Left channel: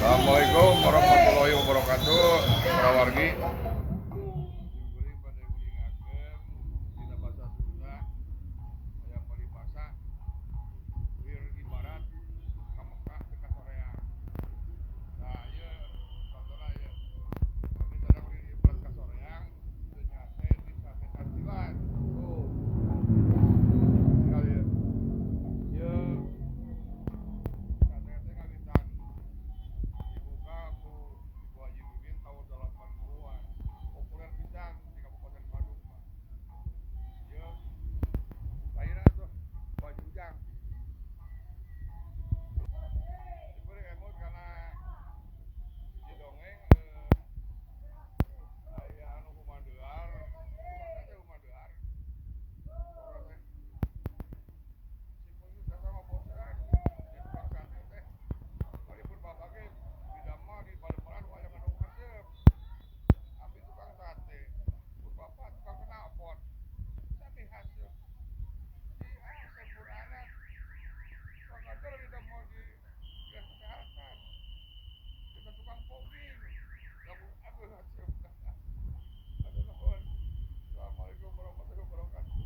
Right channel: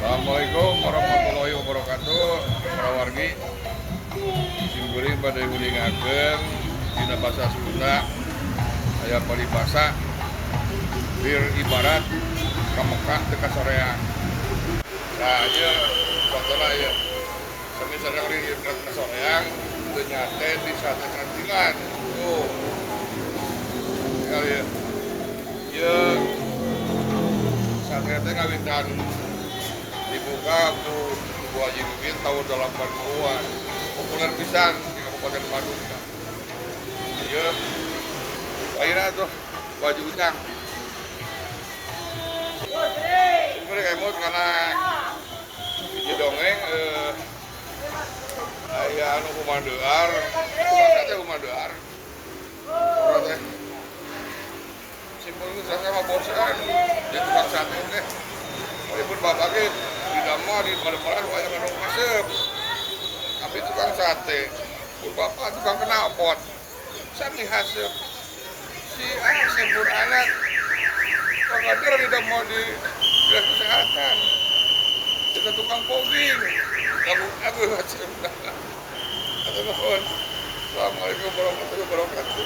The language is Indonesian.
Assalamualaikum warahmatullahi wabarakatuh. Para wargi, simkuring pada ngulingakeun dina basa Sunda aya paribasa bir ibarat ka Mekah teu kasoreang. Nah, ieu contohna ieu. Sami-sami ri kasoreang teu nyate di sate kantingan. Tuh. Ya ieu. Ieu sate teh ngawitan dibuka ku Bu Haji Muhyiddin tahun 80-an. Populer pisan di Kabupaten Bandung. Ieu akhirnya tuh baju utang. Sebenarnya emot karena di dongeng aya anu kumandear, tukang teh kumandear. Orang teh simpulnya saya sama bosan, dia tukang sate teh. Walaupun bapak ge di dama di pada-pada banyak anu masuk. Tapi tukang sate, pun bapak tukang knalpot. Sami haseup. Si sempur anak pakadir tidak mau di dinas kesehatan kita tukang fogging aku Assalamualaikum warahmatullahi wabarakatuh.